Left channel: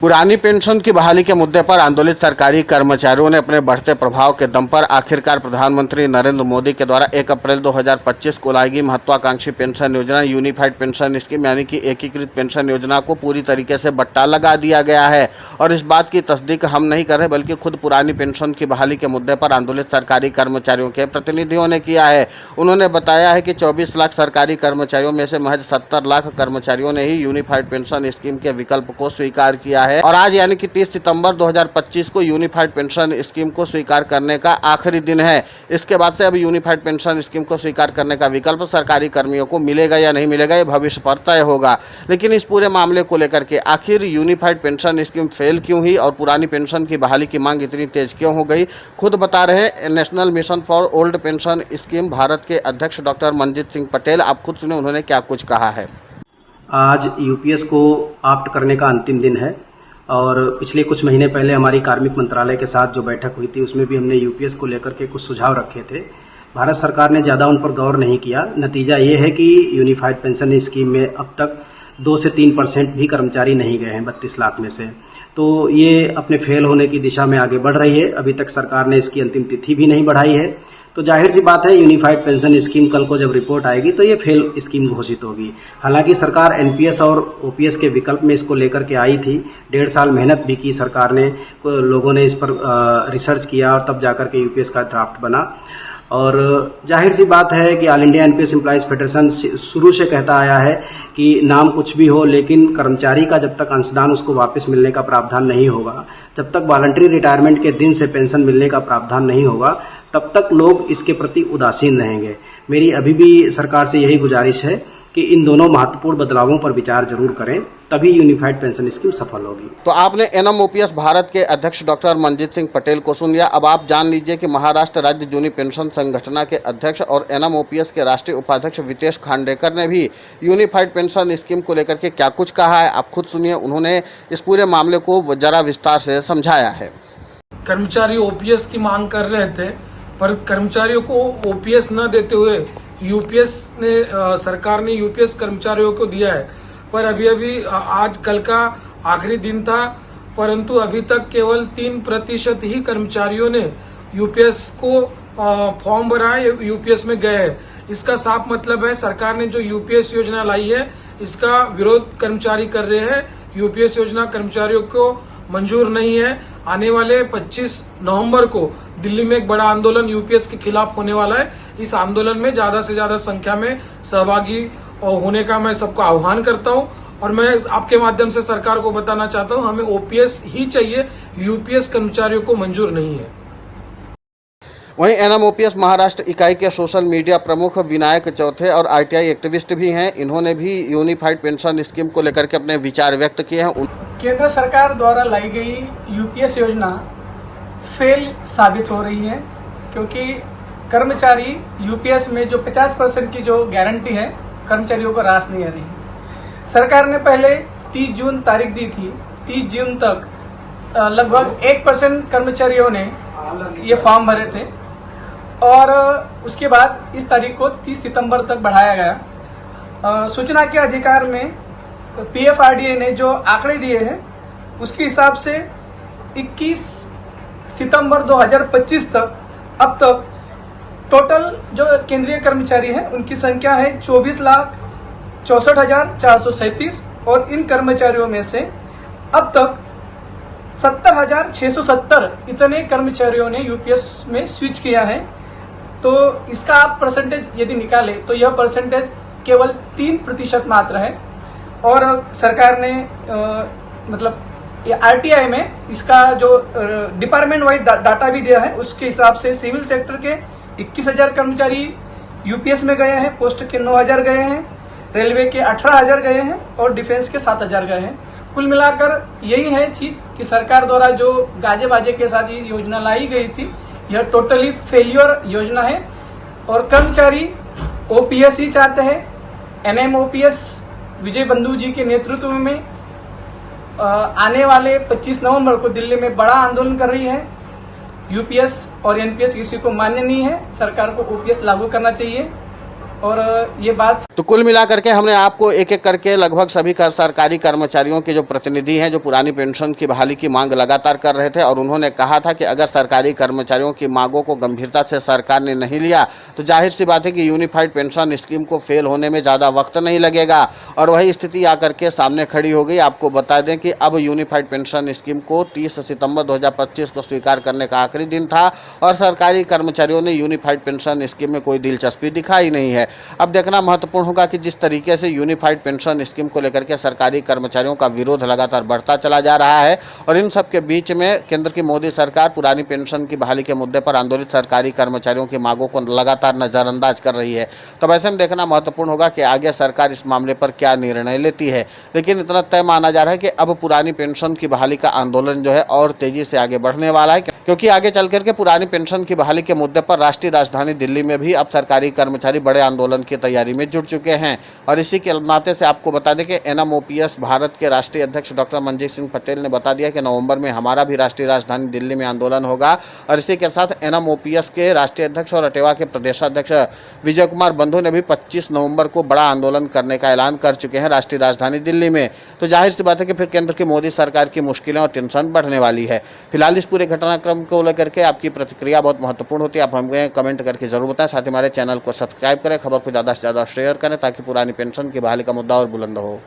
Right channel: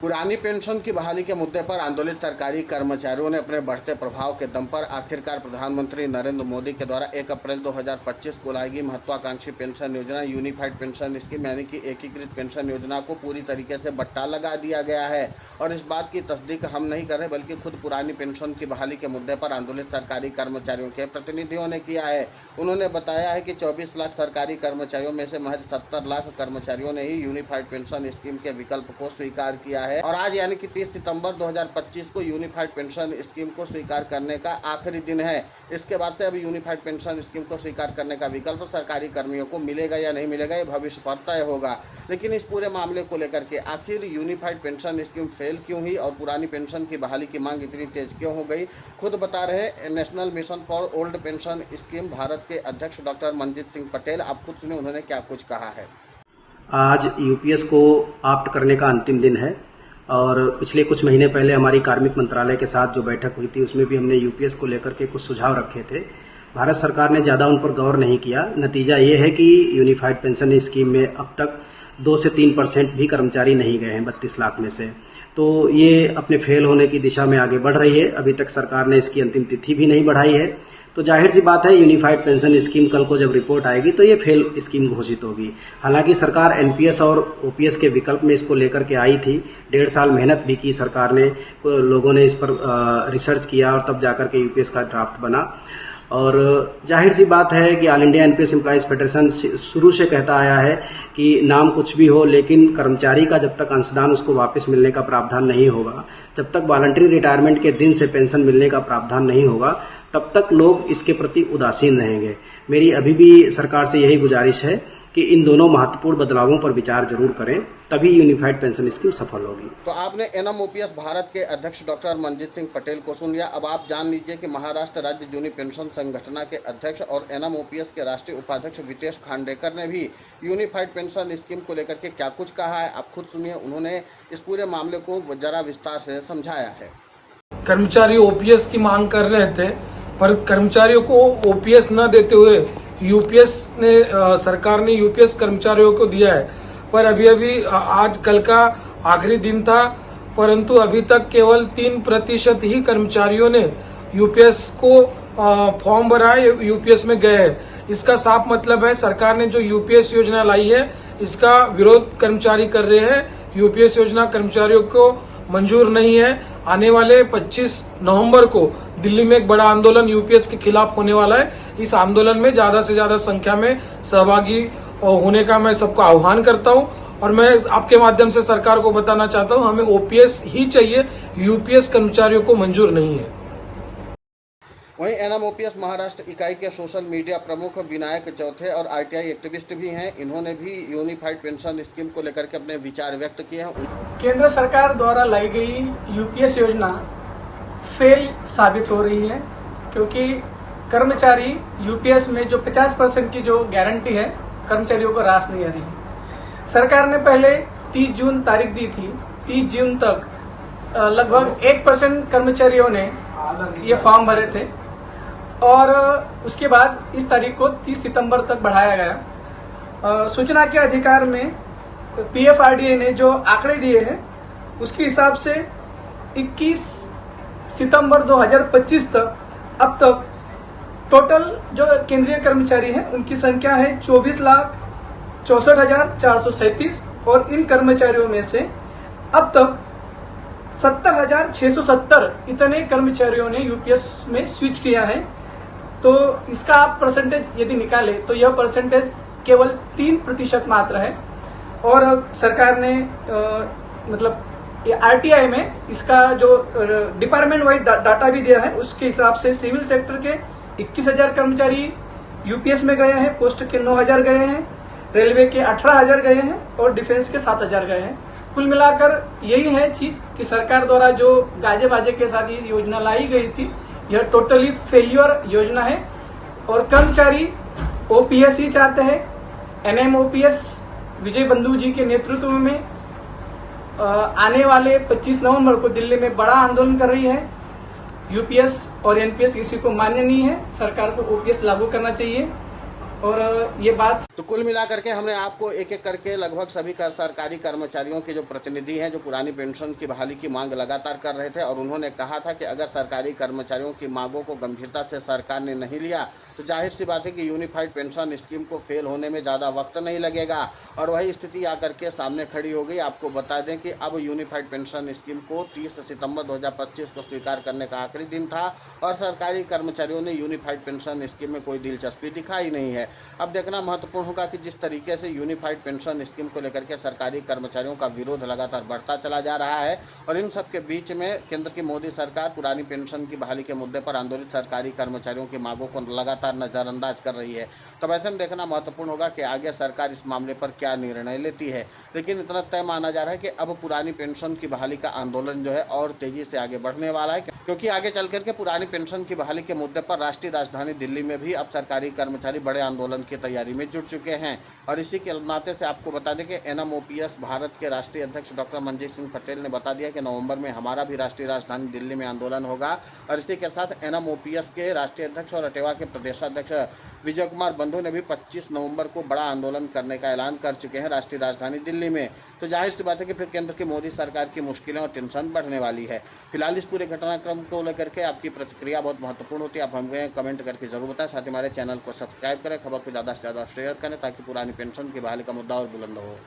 पुरानी पेंशन की बहाली के मुद्दे पर आंदोलित सरकारी कर्मचारियों ने अपने बढ़ते प्रभाव के दम पर आखिरकार प्रधानमंत्री नरेंद्र मोदी के द्वारा 1 अप्रैल 2025 को लाई गई महत्वाकांक्षी पेंशन योजना यूनिफाइड पेंशन स्कीम यानी कि एकीकृत पेंशन योजना को पूरी तरीके से बट्टा लगा दिया गया है। और इस बात की तस्दीक हम नहीं कर रहे बल्कि खुद पुरानी पेंशन की बहाली के मुद्दे पर आंदोलित सरकारी कर्मचारियों के प्रतिनिधियों ने किया है। उन्होंने बताया है कि 24 लाख सरकारी कर्मचारियों में से महज 70 लाख कर्मचारियों ने ही यूनिफाइड पेंशन स्कीम के विकल्प को स्वीकार किया है और आज यानी कि 30 सितंबर 2025 को यूनिफाइड पेंशन स्कीम को स्वीकार करने का आखिरी दिन है। इसके बाद से अब यूनिफाइड पेंशन स्कीम को स्वीकार करने का विकल्प सरकारी कर्मियों को मिलेगा या नहीं मिलेगा ये भविष्य पर तय होगा। लेकिन इस पूरे मामले को लेकर के आखिर यूनिफाइड पेंशन स्कीम फेल क्यों हुई और पुरानी पेंशन की बहाली की मांग इतनी तेज क्यों हो गई, खुद बता रहे हैं national mission for old pension scheme Bharat के अध्यक्ष डॉक्टर मंजीत सिंह पटेल। आप खुद सुने उन्होंने क्या कुछ कहा है। आज यूपीएस को ऑप्ट करने का अंतिम दिन है और पिछले कुछ महीने पहले हमारी कार्मिक मंत्रालय के साथ जो बैठक हुई थी उसमें भी हमने यूपीएस को लेकर के कुछ सुझाव रखे थे। भारत सरकार ने ज़्यादा उन पर गौर नहीं किया। नतीजा ये है कि यूनिफाइड पेंशन स्कीम में अब तक 2 से 3% भी कर्मचारी नहीं गए हैं 32 लाख में से। तो ये अपने फेल होने की दिशा में आगे बढ़ रही है। अभी तक सरकार ने इसकी अंतिम तिथि भी नहीं बढ़ाई है। तो जाहिर सी बात है यूनिफाइड पेंशन स्कीम कल को जब रिपोर्ट आएगी तो ये फेल स्कीम घोषित होगी। हालांकि सरकार एनपीएस और ओपीएस के विकल्प में इसको लेकर के आई थी। 1.5 साल मेहनत भी की सरकार ने, लोगों ने इस पर रिसर्च किया और तब जाकर के यूपीएस का ड्राफ्ट बना। और जाहिर सी बात है कि all India NPS employees federation शुरू से कहता आया है कि नाम कुछ भी हो लेकिन कर्मचारी का जब तक अंशदान उसको वापस मिलने का प्रावधान नहीं होगा, जब तक वॉलंटरी रिटायरमेंट के दिन से पेंशन मिलने का प्रावधान नहीं होगा, तब तक लोग इसके प्रति उदासीन रहेंगे। मेरी अभी भी सरकार से यही गुजारिश है कि इन दोनों महत्वपूर्ण बदलावों पर विचार जरूर करें, तभी यूनिफाइड पेंशन स्कीम सफल होगी। तो आपने एनएमओपीएस भारत के अध्यक्ष डॉक्टर मंजीत सिंह पटेल को सुन लिया। अब आप जान लीजिए कि महाराष्ट्र राज्य जूनी पेंशन संगठन के अध्यक्ष और एनएमओपीएस के राष्ट्रीय उपाध्यक्ष वितेश खांडेकर ने भी यूनिफाइड पेंशन स्कीम को लेकर के क्या कुछ कहा है। आप खुद सुनिए, उन्होंने इस पूरे मामले को जरा विस्तार से समझाया है। कर्मचारी ओपीएस की मांग कर रहे थे पर कर्मचारियों को ओपीएस न देते हुए यूपीएस ने सरकार ने यूपीएस कर्मचारियों को दिया है। पर अभी आज कल का आखिरी दिन था, परंतु अभी तक केवल 3% ही कर्मचारियों ने यूपीएस को फॉर्म भरा है, यूपीएस में गए हैं। इसका साफ मतलब है सरकार ने जो यूपीएस योजना लाई है इसका विरोध कर्मचारी कर रहे हैं। यूपीएस योजना कर्मचारियों को मंजूर नहीं है। आने वाले 25 नवंबर को दिल्ली में एक बड़ा आंदोलन यूपीएस के खिलाफ होने वाला है। इस आंदोलन में ज्यादा से ज्यादा संख्या में सहभागी होने का मैं सबको आह्वान करता हूं और मैं आपके माध्यम से सरकार को बताना चाहता हूं हमें ओपीएस ही चाहिए, यूपीएस कर्मचारियों को मंजूर नहीं है। वहीं एनएमओपीएस महाराष्ट्र इकाई के सोशल मीडिया प्रमुख विनायक चौथे और आरटीआई एक्टिविस्ट भी हैं। इन्होंने भी यूनिफाइड पेंशन स्कीम को लेकर के अपने विचार व्यक्त किए हैं। केंद्र सरकार द्वारा लाई गई यूपीएस योजना फेल साबित हो रही है क्योंकि कर्मचारी यूपीएस में जो 50% की जो गारंटी है कर्मचारियों को रास नहीं आ रही है। सरकार ने पहले 30 जून तारीख दी थी। 30 जून तक लगभग 1% कर्मचारियों ने ये फॉर्म भरे थे और उसके बाद इस तारीख को 30 सितंबर तक बढ़ाया गया। सूचना के अधिकार में पीएफआरडीए ने जो आंकड़े दिए हैं उसके हिसाब से 21 सितंबर 2025 तक अब तक टोटल जो केंद्रीय कर्मचारी हैं उनकी संख्या है 24,64,437 और इन कर्मचारियों में से अब तक 70,670 इतने कर्मचारियों ने यूपीएस में स्विच किया है। तो इसका आप परसेंटेज यदि निकाले तो यह परसेंटेज केवल 3% मात्र है। और सरकार ने मतलब आरटीआई में इसका जो डिपार्टमेंट वाइड डाटा भी दिया है उसके हिसाब से सिविल सेक्टर के 21,000 कर्मचारी यूपीएस में गए हैं, पोस्ट के 9,000 गए हैं, रेलवे के 18,000 गए हैं और डिफेंस के 7,000 गए हैं। कुल मिलाकर यही है चीज कि सरकार द्वारा जो गाजे बाजे के साथ ये योजना लाई गई थी यह टोटली फेल्योर योजना है और कर्मचारी ओपीएस ही चाहते हैं। एनएमओपीएस विजय बंधु जी के नेतृत्व में आने वाले 25 नवंबर को दिल्ली में बड़ा आंदोलन कर रही है। यूपीएस और एनपीएस किसी को मान्य नहीं है। सरकार को ओपीएस लागू करना चाहिए और ये बात तो कुल मिलाकर के हमने आपको एक एक करके लगभग सभी सरकारी कर्मचारियों के जो प्रतिनिधि हैं जो पुरानी पेंशन की बहाली की मांग लगातार कर रहे थे, और उन्होंने कहा था कि अगर सरकारी कर्मचारियों की मांगों को गंभीरता से सरकार ने नहीं लिया तो जाहिर सी बात है कि यूनिफाइड पेंशन स्कीम को फेल होने में ज़्यादा वक्त नहीं लगेगा, और वही स्थिति आकर के सामने खड़ी हो गई। आपको बता दें कि अब यूनिफाइड पेंशन स्कीम को 30 सितंबर 2025 को स्वीकार करने का आखिरी दिन था, और सरकारी कर्मचारियों ने यूनिफाइड पेंशन स्कीम में कोई दिलचस्पी दिखाई नहीं है। अब देखना महत्वपूर्ण होगा कि जिस तरीके से यूनिफाइड पेंशन स्कीम को लेकर के सरकारी कर्मचारियों का विरोध लगातार बढ़ता चला जा रहा है, और इन सब के बीच में केंद्र की मोदी सरकार पुरानी पेंशन की बहाली के मुद्दे पर आंदोलित सरकारी कर्मचारियों की मांगों को लगातार नजरअंदाज कर रही है। तो ऐसे में देखना महत्वपूर्ण होगा कि आगे सरकार इस मामले पर क्या निर्णय लेती है। लेकिन इतना तय माना जा रहा है कि अब पुरानी पेंशन की बहाली का आंदोलन जो है और तेजी से आगे बढ़ने वाला है, क्योंकि आगे चल करके पुरानी पेंशन की बहाली के मुद्दे पर राष्ट्रीय राजधानी दिल्ली में भी अब सरकारी कर्मचारी बड़े आंदोलन की तैयारी में जुट चुके हैं। और इसी के नाते से आपको बता दें कि एनएमओपीएस भारत के राष्ट्रीय अध्यक्ष डॉक्टर मनजीत सिंह पटेल ने बता दिया कि नवंबर में हमारा भी राष्ट्रीय राजधानी दिल्ली में आंदोलन होगा। और इसी के साथ एनएमओपीएस के राष्ट्रीय अध्यक्ष और अटेवा के प्रदेशाध्यक्ष विजय कुमार बंधु ने भी 25 नवंबर को बड़ा आंदोलन करने का ऐलान कर चुके हैं राष्ट्रीय राजधानी दिल्ली में। तो जाहिर सी बात है कि फिर केंद्र की मोदी सरकार की मुश्किलें और टेंशन बढ़ने वाली है। फिलहाल इस पूरे घटनाक्रम को लेकर के आपकी प्रतिक्रिया बहुत महत्वपूर्ण होती है, आप हमें कमेंट करके जरूर बताएं। साथ ही हमारे चैनल को सब्सक्राइब करें, खबर को ज़्यादा से ज़्यादा शेयर करें ताकि पुरानी पेंशन की बहाली का मुद्दा और बुलंद हो।